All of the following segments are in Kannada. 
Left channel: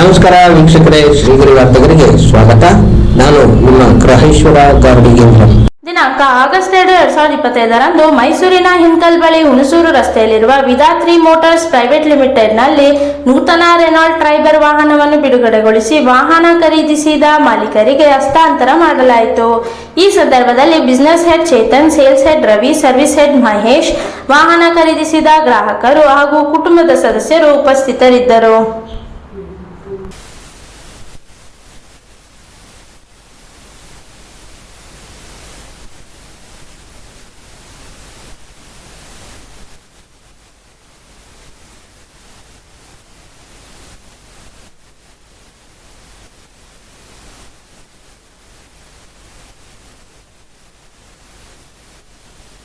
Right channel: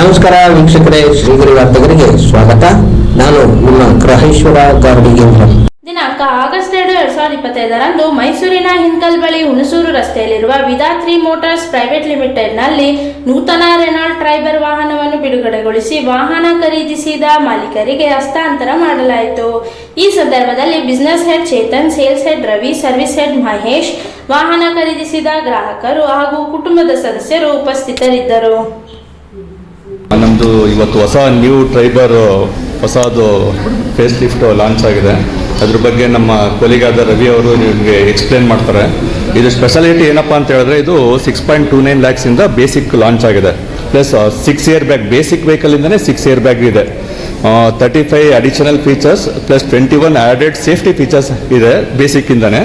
ನಮಸ್ಕಾರ ವೀಕ್ಷಕರೇ, ಶ್ರೀಗಿರಿ ವಾರ್ತೆಗರಿಗೆ ಸ್ವಾಗತ. ನಾನು ನಿಮ್ಮ ಗ್ರಹೇಶ್ವರ ಗಾರ್ಡಿಗೇಂದ್ರ ದಿನಾಂಕ ಆಗಸ್ಟ್ ಎರಡು ಎರಡ್ ಸಾವಿರದ ಇಪ್ಪತ್ತೈದರಂದು ಮೈಸೂರಿನ ಹಿಂಕಲ್ ಬಳಿ ಹುಣಸೂರು ರಸ್ತೆಯಲ್ಲಿರುವ ವಿಧಾತ್ರಿ ಮೋಟಾರ್ಸ್ ಪ್ರೈವೇಟ್ ಲಿಮಿಟೆಡ್ನಲ್ಲಿ ನೂತನ ರೆನಾಲ್ಡ್ ಟ್ರೈಬರ್ ವಾಹನವನ್ನು ಬಿಡುಗಡೆಗೊಳಿಸಿ ವಾಹನ ಖರೀದಿಸಿದ ಮಾಲೀಕರಿಗೆ ಹಸ್ತಾಂತರ ಮಾಡಲಾಯಿತು. ಈ ಸಂದರ್ಭದಲ್ಲಿ business head Chetan, sales head Ravi, service head Mahesh, ವಾಹನ ಖರೀದಿಸಿದ ಗ್ರಾಹಕರು ಹಾಗೂ ಕುಟುಂಬದ ಸದಸ್ಯರು ಉಪಸ್ಥಿತರಿದ್ದರು. ನಮ್ಮದು ಇವತ್ತು ಹೊಸ ನ್ಯೂ ಟ್ರೈಬರ್ ಹೊಸದು ಫೇಸ್ ಲಿಫ್ಟ್ ಲಾಂಚ್ ಆಗಿದೆ. ಅದ್ರ ಬಗ್ಗೆ ನಮ್ಮ ಕೊಲಿಗಾದ ರವಿ ಅವರು ನಿಮಗೆ ಎಕ್ಸ್ಪ್ಲೇನ್ ಮಾಡ್ತಾರೆ. ಇದು ಸ್ಪೆಷಾಲಿಟಿ ಏನಪ್ಪ ಅಂತ ಹೇಳಿದ್ರೆ ಇದು ಸಿಕ್ಸ್ ಪಾಯಿಂಟ್ ಟೂ ನೈನ್ ಲ್ಯಾಕ್ಸಿಂದ ಬೇಸಿಕ್ ಲಾಂಚ್ ಆಗಿದೆ. Plus six year bag basic ವೆಹಿಕಲಿಂದನೇ six air bag ಇದೆ. Thirty five additional features plus twenty one added safety features ಇದೆ ಬೇಸಿಕ್ಕಿಂದನೇ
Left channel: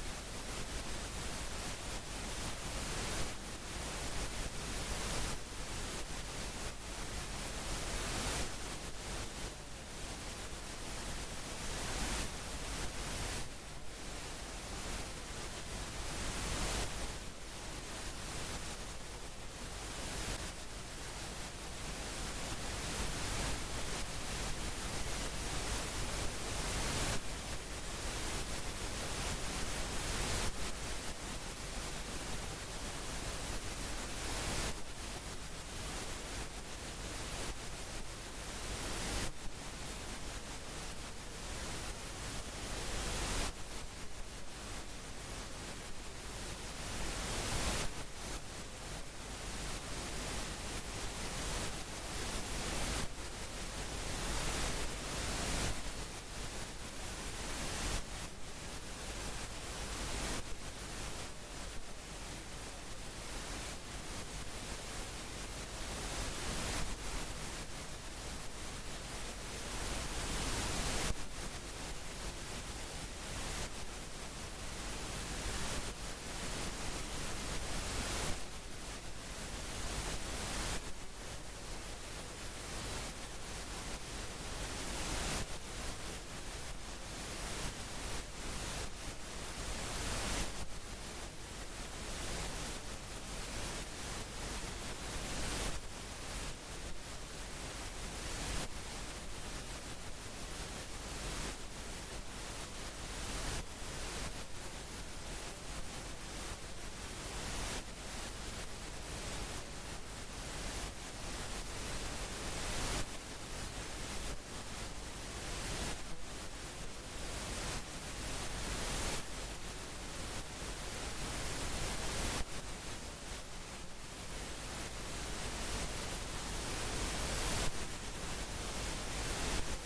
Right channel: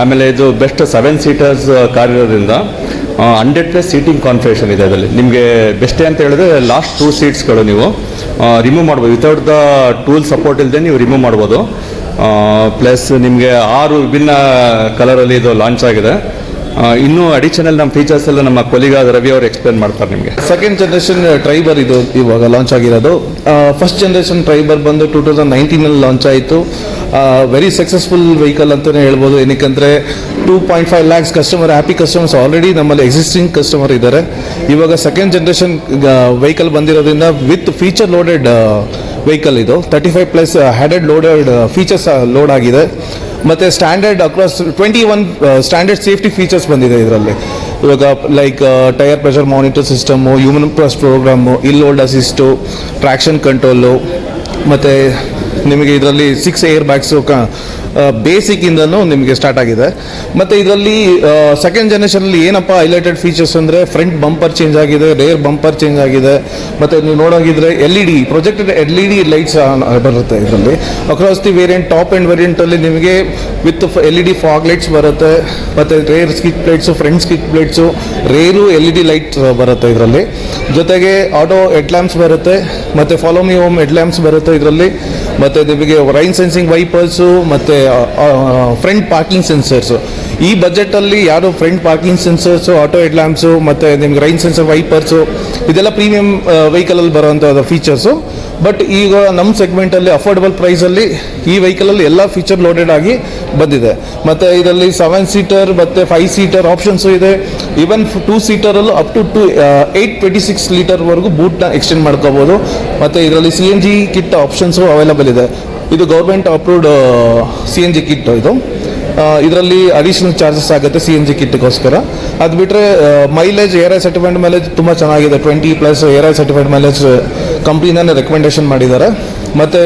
ಆಮೇಲೆ ಇದು ಬೆಸ್ಟ್ ಸೆವೆನ್ ಸೀಟರ್ಸ್ ಕಾರ್ ಇರೋದ್ರಿಂದ ಹಂಡ್ರೆಡ್ ಪ್ಲಸ್ ಸೀಟಿಂಗ್ ಕಾನ್ಫಿಗರೇಷನ್ ಇದೆ ಅದರಲ್ಲಿ. ನಿಮಗೆ ಬೆಸ್ಟೇ ಅಂತ ಹೇಳಿದ್ರೆ ಲಾಸ್ಟ್ ಟೂ ಸೀಟ್ಸ್ಗಳು ನೀವು ರಿಮೂವ್ ಮಾಡ್ಬೋದು. ವಿತೌಟ್ ದ ಟೂಲ್ ಸಪೋರ್ಟ್ ಇಲ್ಲದೆ ನೀವು ರಿಮೂವ್ ಮಾಡ್ಬೋದು. ಪ್ಲಸ್ ನಿಮಗೆ ಆರು ವಿಭಿನ್ನ ಕಲರಲ್ಲಿ ಇದು ಲಾಂಚ್ ಆಗಿದೆ. ಇನ್ನೂ ಅಡಿಷನಲ್ ನಮ್ಮ ಫೀಚರ್ಸ್ ಎಲ್ಲ ನಮ್ಮ ಕೊಲಿಗಾದ ರವಿ ಅವರು ಎಕ್ಸ್ಪ್ಲೇನ್ ಮಾಡ್ತಾರೆ ನಿಮಗೆ. ಸೆಕೆಂಡ್ ಜನರೇಷನ್ ಟ್ರೈಬರ್ ಇದು ಇವಾಗ ಲಾಂಚ್ ಆಗಿರೋದು. ಫಸ್ಟ್ ಜನರೇಷನ್ ಟ್ರೈಬರ್ ಬಂದು ಟೂ ತೌಸಂಡ್ ನೈನ್ಟೀನಲ್ಲಿ ಲಾಂಚ್ ಆಯಿತು. ವೆರಿ ಸಕ್ಸಸ್ಫುಲ್ ವೆಹಿಕಲ್ ಅಂತಲೇ ಹೇಳ್ಬೋದು. ಏನಕ್ಕಂದರೆ two point five lakhs customer happy customers already ನಮ್ಮಲ್ಲಿ ಎಕ್ಸಿಸ್ಟಿಂಗ್ ಕಸ್ಟಮರ್ ಇದ್ದಾರೆ. ಇವಾಗ ಸೆಕೆಂಡ್ ಜನರೇಷನ್ ವೆಹಿಕಲ್ ಬಂದಿರೋದ್ರಿಂದ ವಿತ್ ಫೀಚರ್ ಲೋಡೆಡ್ ವೆಹಿಕಲ್ ಇದು. Thirty five plus added loaded features load ಆಗಿದೆ. ಮತ್ತು standard across twenty one standard safety features ಬಂದಿದೆ ಇದರಲ್ಲಿ. ಇವಾಗ like tire pressure monitor system human plus program hill hold assist traction control ಮತ್ತು ನಿಮಗೆ ಇದರಲ್ಲಿ ಸಿಕ್ಸ್ ಏರ್ ಬ್ಯಾಗ್ಸು ಬೇಸಿಕ್ಕಿಂದನೂ ನಿಮಗೆ ಸ್ಟಾರ್ಟ್ ಆಗಿದೆ. ಮತ್ತು ಇದರಲ್ಲಿ ಸೆಕೆಂಡ್ ಜನ್ರೇಷನಲ್ಲಿ ಏನಪ್ಪ ಹೈಲೈಟೆಡ್ ಫೀಚರ್ಸ್ ಅಂದರೆ ಫ್ರಂಟ್ ಬಂಪರ್ ಚೇಂಜ್ ಆಗಿದೆ ರೇರ್ ಬಂಪರ್ ಚೇಂಜ್ ಆಗಿದೆ. ಮತ್ತು ನೀವು ನೋಡೋಗಿದ್ರೆ L E D projected L E D lights ಬರುತ್ತೆ ಇದರಲ್ಲಿ. Across the variant top and ವೇರಿಯಂಟಲ್ಲಿ ನಿಮಗೆ with L E D fog lights ಬರುತ್ತೆ. ಮತ್ತು rear skid plates front skid plates rear L E D light ಬರುತ್ತೆ ಇದರಲ್ಲಿ. ಜೊತೆಗೆ ಆಟೋ ಹೆಡ್ ಲ್ಯಾಂಪ್ಸ್ ಬರುತ್ತೆ. ಮತ್ತು follow me home head lamps ಬರುತ್ತೆ ಇದರಲ್ಲಿ. ಮತ್ತು ನಿಮಗೆ ರೈನ್ ಸೆನ್ಸಿಂಗ್ ವೈಪರ್ಸು ಮತ್ತು ಫ್ರಂಟ್ ಪಾರ್ಕಿಂಗ್ ಸೆನ್ಸರ್ಸು ಈ ಬಜೆಟಲ್ಲಿ ಯಾರು front parking sensors auto head lamps ಮತ್ತು ನಿಮ್ಗೆ ರೈನ್ ಸೆನ್ಸರ್ ವೈಪರ್ಸು ಇದೆಲ್ಲ ಪ್ರೀಮಿಯಂ ವೆಹಿಕಲಲ್ಲಿ ಬರೋವಂಥ ಫೀಚರ್ಸು ಬಟ್ ಈಗ ನಮ್ಮ ಸೆಗ್ಮೆಂಟಲ್ಲಿ ಅಫೋರ್ಡಬಲ್ ಪ್ರೈಸಲ್ಲಿ ಈ ವೆಹಿಕಲಲ್ಲಿ ಎಲ್ಲ ಫೀಚರ್ ಲೋಡೆಡ್ ಆಗಿ ಬಂದಿದೆ. ಮತ್ತು ಇದರಲ್ಲಿ ಸೆವೆನ್ ಸೀಟರ್ ಮತ್ತು ಫೈವ್ ಸೀಟರ್ ಆಪ್ಷನ್ಸು ಇದೆ. Even two ಸೀಟರಲ್ಲೂ up to two eight twenty six ಲೀಟರ್ವರೆಗೂ ಬೂಟ್ನ ಎಕ್ಸ್ಟೆಂಡ್ ಮಾಡ್ಕೋಬೋದು. ಮತ್ತು ಇದರಲ್ಲಿ C N G kit options available ಇದೆ. ಇದು government approved C N G kit ಇದು. ಇದರಲ್ಲಿ ಅಡಿಷನಲ್ ಚಾರ್ಜಸ್ ಆಗುತ್ತೆ ಸಿ ಎನ್ ಜಿ ಕಿಟ್ಗೋಸ್ಕರ ಅದು ಬಿಟ್ಟರೆ mileage ARAI certified mileage ತುಂಬ ಚೆನ್ನಾಗಿದೆ. Twenty plus ARAI certified mileage ಕಂಪ್ನಿನೇ recommendation ಮಾಡಿದ್ದಾರೆ. ಮತ್ತು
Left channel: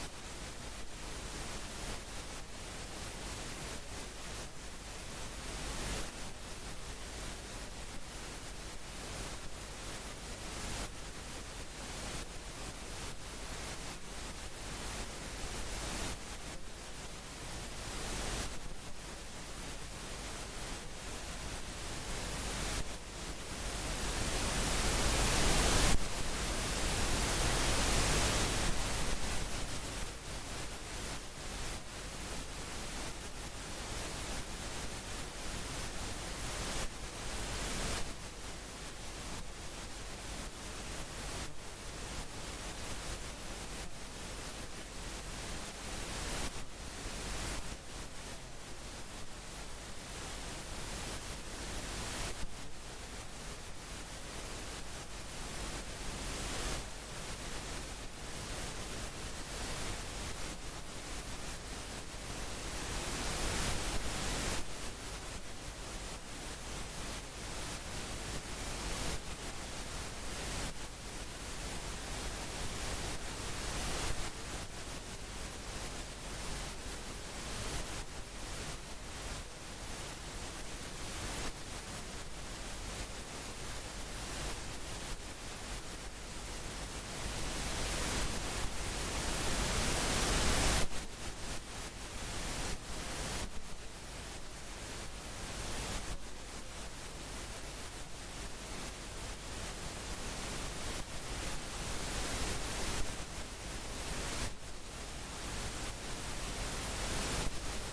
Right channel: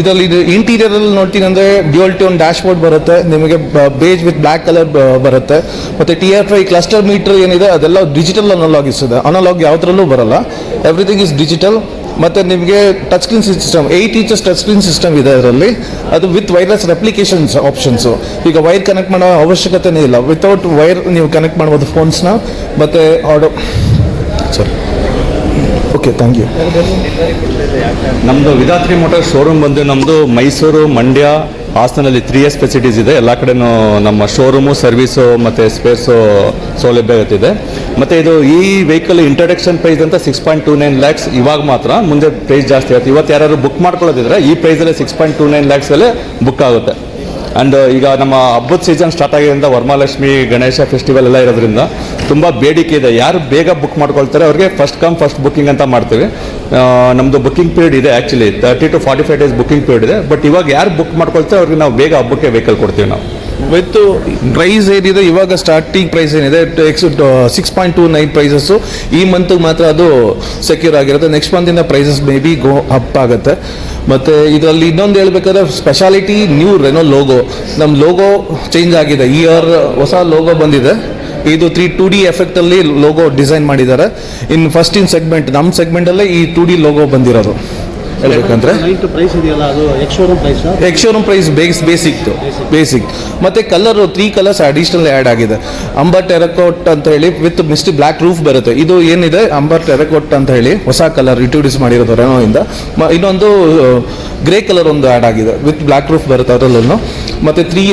ಇದರಲ್ಲಿ ಇದು ಇಂಟೀರಿಯರಲ್ಲಿ ನೋಡ್ತೀನಿ ಅಂದರೆ ಡ್ಯೂಯಲ್ ಟ್ಯೂನ್ ಡ್ಯಾಶ್ ಬೋರ್ಡ್ ಬರುತ್ತೆ. ನಿಮಗೆ ಬೇಜ್ ವಿತ್ ಬ್ಲ್ಯಾಕ್ ಕಲರ್ ಬರುತ್ತೆ. ಮತ್ತು T R I cluster meter ಏನಿದೆ, ಅದೆಲ್ಲ ಡಿಜಿಟಲ್ ಅನಲಾಗಿಸ್ ಇದೆ ಅನಲಾಗ್ ಯಾವುದ್ರಲ್ಲೂ ಬರಲ್ಲ. ಎವ್ರಿಥಿಂಗ್ ಇಸ್ ಡಿಜಿಟಲ್ ಮತ್ತು ನಿಮಗೆ touch screen system eight inches touch screen system ಇದೆ ಅದರಲ್ಲಿ. ಅದು ವಿತ್ ವೈರ್ಲೆಸ್ ರೆಪ್ಲಿಕೇಶನ್ಸ್ ಆಪ್ಷನ್ಸು ಈಗ ವೈರ್ ಕನೆಕ್ಟ್ ಮಾಡೋ ಅವಶ್ಯಕತೆನೇ ಇಲ್ಲ. ವಿತೌಟ್ ವೈರ್ ನೀವು ಕನೆಕ್ಟ್ ಮಾಡ್ಬೋದು ಫೋನ್ಸ್ನ ಮತ್ತು ಆಡೋ ಸರಿ ಓಕೆ ಥ್ಯಾಂಕ್ ಯು ನಮ್ಮದು ವಿಧಾತ್ರಿ ಮೋಟಾರ್ ಶೋರೂಮ್ ಬಂದು ನಮ್ಮದು ಮೈಸೂರು, ಮಂಡ್ಯ, ಹಾಸನಲ್ಲಿ ತ್ರೀ ಎಸ್ ಫೆಸಿಲಿಟೀಸ್ ಇದೆ. ಎಲ್ಲ ಕಡೆನೂ ನಮ್ಮ ಶೋರೂಮು ಸರ್ವಿಸು ಮತ್ತು ಸ್ಪೇರ್ಸು ಸೌಲಭ್ಯ ಇರುತ್ತಿದೆ. ಮತ್ತು ಇದು ಈ ವೆಹಿಕಲ್ ಇಂಟ್ರಡಕ್ಷನ್ ಪ್ರೈಸ್ ಅಂತ six point two nine lakhs ಇವಾಗ ಮಾತ್ರ. ಮುಂದೆ ಪ್ರೈಸ್ ಜಾಸ್ತಿ ಆಗುತ್ತೆ. ಇವತ್ತು ಯಾರು ಬುಕ್ ಮಾಡ್ಕೊಳ್ಳೋದಿದ್ರೆ ಈ ಪ್ರೈಸಲ್ಲೇ ಸಿಕ್ಸ್ ಪಾಯಿಂಟ್ ಟೂ ನೈನ್ ಲ್ಯಾಕ್ಸಲ್ಲೇ ಬುಕ್ ಆಗುತ್ತೆ. ಆ್ಯಂಡ್ ಈಗ ನಮ್ಮ ಹಬ್ಬದ ಸೀಸನ್ ಸ್ಟಾರ್ಟ್ ಆಗಿರೋದ್ರಿಂದ ವರಮಹಾಲಕ್ಷ್ಮಿ, ಗಣೇಶ ಫೆಸ್ಟಿವಲ್ ಎಲ್ಲ ಇರೋದ್ರಿಂದ ತುಂಬ ಬೇಡಿಕೆ ಇದೆ. ಯಾರು ಬೇಗ ಬುಕ್ ಮಾಡ್ಕೊಳ್ತಾರೆ ಅವ್ರಿಗೆ ಫಸ್ಟ್ ಕಮ್ ಫಸ್ಟ್ ಬುಕ್ಕಿಂಗ್ ಅಂತ ಮಾಡ್ತೀವಿ. ನಮ್ಮದು ಬುಕ್ಕಿಂಗ್ ಪೀರಿಯಡ್ ಇದೆ actually thirty to forty five days booking period ಇದೆ. ಬಟ್ ಇವಾಗ ಯಾರು ಬುಕ್ ಮಾಡ್ಕೊಳ್ತಾರೆ ಅವ್ರಿಗೆ ನಾವು ಬೇಗ ಹಬ್ಬಕ್ಕೆ ವೆಹಿಕಲ್ ಕೊಡ್ತೀವಿ ನಾವು. ವಿತ್ ಪ್ರೈಸ್ ಏನಿದೆ, ಇವಾಗ ಸ್ಟಾರ್ಟಿಂಗ್ ಪ್ರೈಸ್ ಏನಿದೆ ex six point two nine prices ಈ ಮಂತ್ಗೆ ಮಾತ್ರ ಅದು ಸೆಕ್ಯೂರ್ ಆಗಿರುತ್ತೆ. Next ಮಂತಿಂದ prices may be go up ಆಗುತ್ತೆ. ಮತ್ತು ಇದರಲ್ಲಿ ಇನ್ನೊಂದು ಹೇಳ್ಬೇಕಾದ್ರೆ ಸ್ಪೆಷಾಲಿಟಿ ನ್ಯೂ ರೆನೋ ಲೋಗೋ ನಮ್ಮ ಲೋಗೋ ಚೇಂಜ್ ಆಗಿದೆ. ಈ ಇಯರ್ ಹೊಸ ಲೋಗೋ ಬಂದಿದೆ. ಇದು ತ್ರೀ ಟು ಡಿ ಎಫೆಕ್ಟಲ್ಲಿ ಲೋಗೋ ಡಿಸೈನ್ ಮಾಡಿದ್ದಾರೆ. ಇನ್ ಫಸ್ಟ್ ಇನ್ ಸೆಗ್ಮೆಂಟ್ ನಮ್ಮ ಸೆಗ್ಮೆಂಟಲ್ಲೇ ಈ ಟು ಡಿ ಲೋಗೋ ಬಂದಿರೋದು. ಹೇಳ್ಬೇಕಂದ್ರೆ? ನೈಟ್ ಪ್ರೈಸ್ ಇದೆಯಲ್ಲ ಅದು ex showroom price ex showroom price base basic basic. ಮತ್ತು colour three colours additional add ಆಗಿದೆ. ಅಂಬರ್ ಟೆರಕೋಟ್ ಅಂತ ಹೇಳಿ ವಿತ್ ಮಿಸ್ಟಿ ಬ್ಲ್ಯಾಕ್ ರೂಫ್ ಬರುತ್ತೆ. ಇದು ಏನಿದೆ? ಅಂಬರ್ ಟೆರಕೋಟ್ ಅಂತ ಹೇಳಿ ಹೊಸ ಕಲರ್ ಇಂಟ್ರೊಡ್ಯೂಸ್ ಮಾಡಿರೋದು ರೆನೋಯಿಂದ ಮ ಇನ್ನೊಂದು ಗ್ರೇ ಕಲರ್ ಒಂದು ಆ್ಯಡ್ ಆಗಿದೆ. ವಿತ್ ಬ್ಲ್ಯಾಕ್ ರೂಫ್ ಬರುತ್ತೆ ಅದರಲ್ಲೂ ಮತ್ತೆ ತ್ರೀ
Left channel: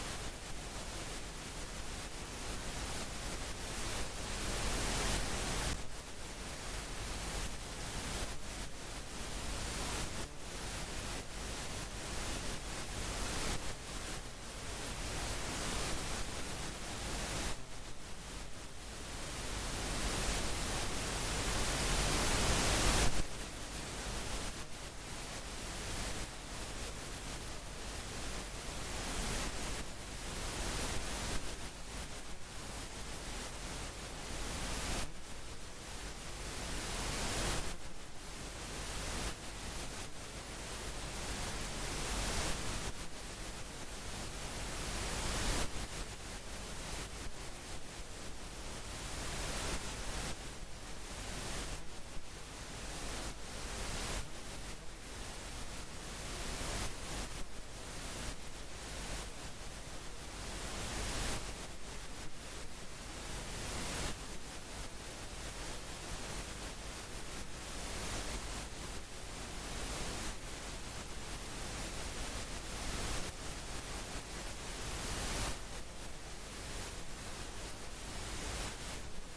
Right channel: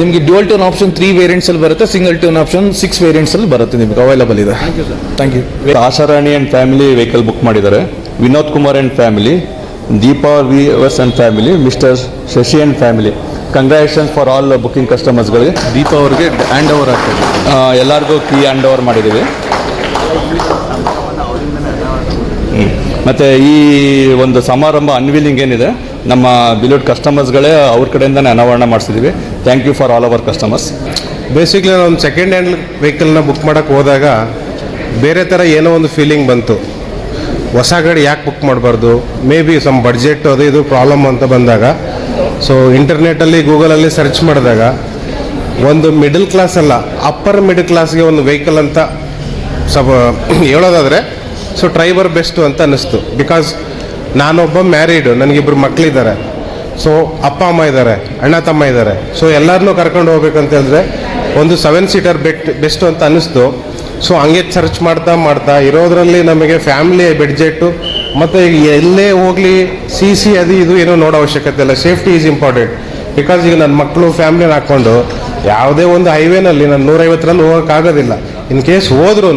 ನಿಮಗೆ ಡ್ಯುವಲ್ ಟೋನ್ ಆಪ್ಷನ್ ತ್ರೀ ವೇರಿಯಂಟ್ಸಲ್ಲಿ ಬರುತ್ತೆ ಸಿಂಗಲ್ ಟೋನ್ ಆಪ್ಷನ್ ಸಿಕ್ಸ್ ವೇರಿಯಂಟ್ಸಲ್ಲಿ ಬರುತ್ತೆ ನಿಮಗೆ. ಅವೈಲಬಲ್ ಇದೆ. Thank you Asharani and family vehicle book ಮಾಡಿದ್ದಾರೆ. Vinod Kumar and family Deepa V S and family mister Shashi and family congratulation for all booking ಕಸ್ಟಮರ್ಸ್ಗಳಿಗೆ Deepa ಅವರಿಗೆ ಹ್ಯಾಂಡ್ ಓವರ್ ಆಗ್ತದೆ ಎಲ್ಲರಿಗೂ ಕೀ ಹ್ಯಾಂಡ್ ಓವರ್ ಮಾಡಿದ್ದೀವಿ ಮತ್ತು ಈ ಒಂದು ಸಮಾರಂಭ ಅನ್ವೀಲಿಂಗ್ ಏನಿದೆ ನಮ್ಮ ಬಿಲೋಡ್ ಕಸ್ಟಮರ್ಸ್ಗಳೇ ಅವ್ರ ಕಡೆಯಿಂದನೇ ಅನಾವರಣ ಮಾಡಿಸಿದ್ದೀವಿ. Thank you for all our customers basically ನಾನು ಸೆಕೆಂಡ್ ಹ್ಯಾಂಡ್ ವೆಹಿಕಲ್ನ ಬುಕ್ ಮಾಡೋಕ್ಕೆ ಹೋದಾಗ ಬೇರೆ ಥರ ಏನೋ ಒಂದು ಫೀಲಿಂಗ್ ಬಂತು. ಹೊಸ ಗಾಡಿ ಯಾಕೆ ಬುಕ್ ಮಾಡಬಾರ್ದು? ಮೇ ಬಿ ಸಮ್ ಬಡ್ಜೆಟ್ ಅದು ಇದು ಪ್ರಾಬ್ಲಮ್ ಅಂತ ಬಂದಾಗ. ಸೊ ಇಂಟರ್ನೆಟಲ್ಲಿ ಗೂಗಲಲ್ಲಿ ಸರ್ಚ್ ಮಾಡಿದಾಗ, ಒಂದು ಮಿಡಲ್ ಕ್ಲಾಸ್ ಅಲ್ಲ ಅಪ್ಪರ್ ಮಿಡಲ್ ಕ್ಲಾಸ್ಗೆ ಒಂದು ವೆಹಿಕಲ್ ಅಂತ ಸ್ವಲ್ಪ ಹೇಳೋದಾದರೆ ಸೊ ಡ್ರೈವರ್ ಬೆಸ್ಟು ಅಂತ ಅನ್ನಿಸ್ತು. ಬಿಕಾಸ್ ನಾನೊಬ್ಬ ಮ್ಯಾರಿಡು ನನಗಿಬ್ಬರು ಮಕ್ಕಳಿದ್ದಾರೆ ಸೊ ಅಪ್ಪ, ಅಮ್ಮ ಇದ್ದಾರೆ, ಅಣ್ಣ, ತಮ್ಮ ಇದ್ದಾರೆ. ಸೊ ಎಲ್ಲರನ್ನೂ ಕರ್ಕೊಂಡು ಹೋಗ್ಬೇಕಂತ ಹೇಳಿದ್ರೆ, ಒಂದು ಸೆವೆನ್ ಸೀಟರ್ ಬೆಟ್ ಬೆಸ್ಟು ಅಂತ ಅನ್ನಿಸ್ತು. ಸೊ ಹಂಗೆ ಸರ್ಚ್ ಮಾಡ್ತಾ ಮಾಡ್ತಾ ಇರೋದ್ರಲ್ಲಿ ನಮಗೆ ಫ್ಯಾಮಿಲಿ ಬೆಡ್ಜೆಟ್ಟು ಮತ್ತು ಎಲ್ಲೇ ಹೋಗಲಿ ಸಿ ಸಿ ಅದು ಇದು ಏನೋ ನೋಡೋ ಅವಶ್ಯಕತೆ ಇಲ್ಲ. ಸೇಫ್ಟಿ ಈಸ್ ಇಂಪಾರ್ಟೆಂಟ್ ಬಿಕಾಸ್ ಈಗ ನನ್ನ ಮಕ್ಕಳು ಫ್ಯಾಮ್ಲಿನ ಹಾಕ್ಕೊಂಡು ಯಾವುದೇ ಒಂದು ಹೈವೇನಲ್ಲಿ ನಾನು ನೂರೈವತ್ತರಲ್ಲಿ ಹೋಗೋಕ್ಕಾಗೋದಿಲ್ಲ. ಇನ್ ಕೇಸ್ ಹೋದ್ರೂ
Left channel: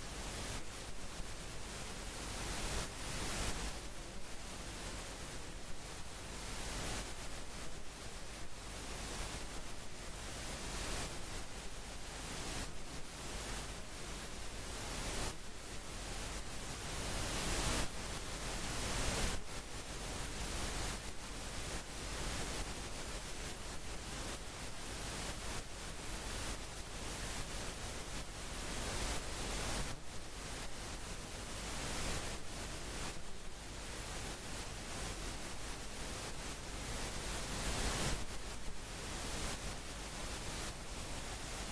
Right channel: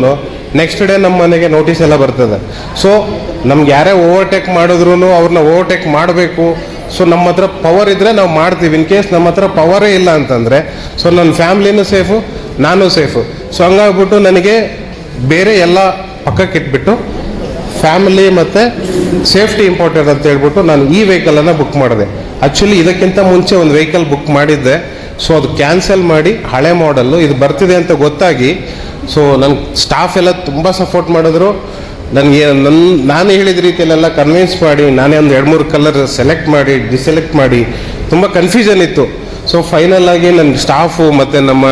ನೆಕ್ಸ್ಟ್ ಡೇ ನಮ್ಮ ಮನೆಗೆ ನೋಟಿಸ್ ಎಲ್ಲ ಬರ್ತದೆ. ಸೊ ನಮ್ಗೆ ಯಾರೇ ಓವರ್ಟೇಕ್ ಮಾಡಿದ್ರು ಅವ್ರನ್ನ ಓವರ್ಟೇಕ್ ಮಾಡಬೇಕು. ಸೊ ನಮ್ಮ ಹತ್ರ ಪವರ್ ಇದ್ದರೆ ನಾವು ಮಾಡ್ತೀವಿ. ಇನ್ ಕೇಸ್ ನಮ್ಮ ಹತ್ರ ಪವರೇ ಇಲ್ಲ ಅಂತಂದರೆ ಸೊ ನನ್ನ ಫ್ಯಾಮ್ಲಿನೂ ಸೇಫು ನಾನು ಸೇಫು. ಸೊ ಹಂಗಾಗ್ಬಿಟ್ಟು ನನಗೆ ಬೇರೆ ಎಲ್ಲ ಪಕ್ಕಕ್ಕೆ ಇಟ್ಬಿಟ್ಟು ಫ್ಯಾಮಿಲಿ ಮತ್ತು ಸೇಫ್ಟಿ ಇಂಪಾರ್ಟೆಂಟ್ ಅಂತ ಹೇಳ್ಬಿಟ್ಟು ನಾನು ಈ ವೆಹಿಕಲನ್ನು ಬುಕ್ ಮಾಡಿದೆ. ಆ್ಯಕ್ಚುಲಿ ಇದಕ್ಕಿಂತ ಮುಂಚೆ ಒಂದು ವೆಹಿಕಲ್ ಬುಕ್ ಮಾಡಿದ್ದೆ. ಸೊ ಅದು ಕ್ಯಾನ್ಸಲ್ ಮಾಡಿ ಹಳೆ ಮಾಡಲ್ಲು ಇದು ಬರ್ತಿದೆ ಅಂತ ಗೊತ್ತಾಗಿ ಸೊ ನನ್ನ ಸ್ಟಾಫ್ ಎಲ್ಲ ತುಂಬ ಸಪೋರ್ಟ್ ಮಾಡಿದ್ರು. ನನಗೆ ನನ್ನ ನಾನು ಹೇಳಿದ ರೀತಿಯಲ್ಲೆಲ್ಲ ಕನ್ವಿನ್ಸ್ ಮಾಡಿ, ನಾನೇ ಒಂದು ಎರಡು ಮೂರು ಕಲರ್ ಸೆಲೆಕ್ಟ್ ಮಾಡಿ ಡಿಸೆಲೆಕ್ಟ್ ಮಾಡಿ, ತುಂಬ ಕನ್ಫ್ಯೂಷನ್ ಇತ್ತು. ಸೊ ಫೈನಲ್ ಆಗಿ ನನ್ನ ಸ್ಟಾಫು ಮತ್ತು ನಮ್ಮ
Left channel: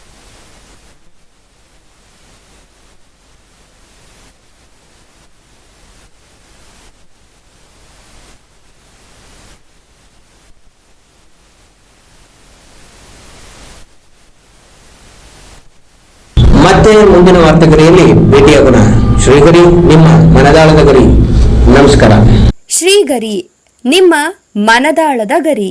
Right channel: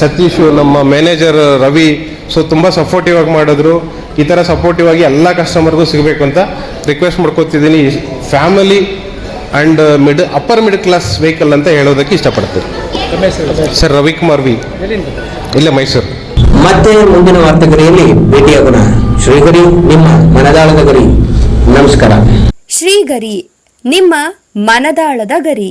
ಸತೀಶು ನಮ್ಮ ಮ್ಯಾನೇಜರ್ ರವಿ ಸೊ ತುಂಬ ಸಪೋರ್ಟಿವ್ ಆಗಿ ಮಾಡಿದ್ರು. ಈ ಥರ ಸಪೋರ್ಟಿವ್ ಆಗಿ ಎಲ್ಲ ಕಸ್ಟಮರ್ಗೂ ಸಿಗಬೇಕು ಅಂತ request ಮಾಡ್ಕೋತಿದ್ದೀನಿ. Family and mid upper mid class vehicle ಅಂತ ಹೇಳೋದಕ್ಕೆ ಇಷ್ಟಪಡ್ತೀನಿ. Sir Ravikumar V. ಇಲ್ಲೇ ಮೈಸೂರು. ಮತ್ತೆ ಮುಂದಿನ ವಾರ್ತೆಗರಿಯಲ್ಲಿ ಭೇಟಿಯಾಗೋಣ. ಶ್ರೀಗರಿ ನಿಮ್ಮ ಮನದಾಳದ ಗರಿ. ನಮಸ್ಕಾರ. ಶ್ರೀಗರಿ ನಿಮ್ಮ ಮನದಾಳದ ಗರಿ.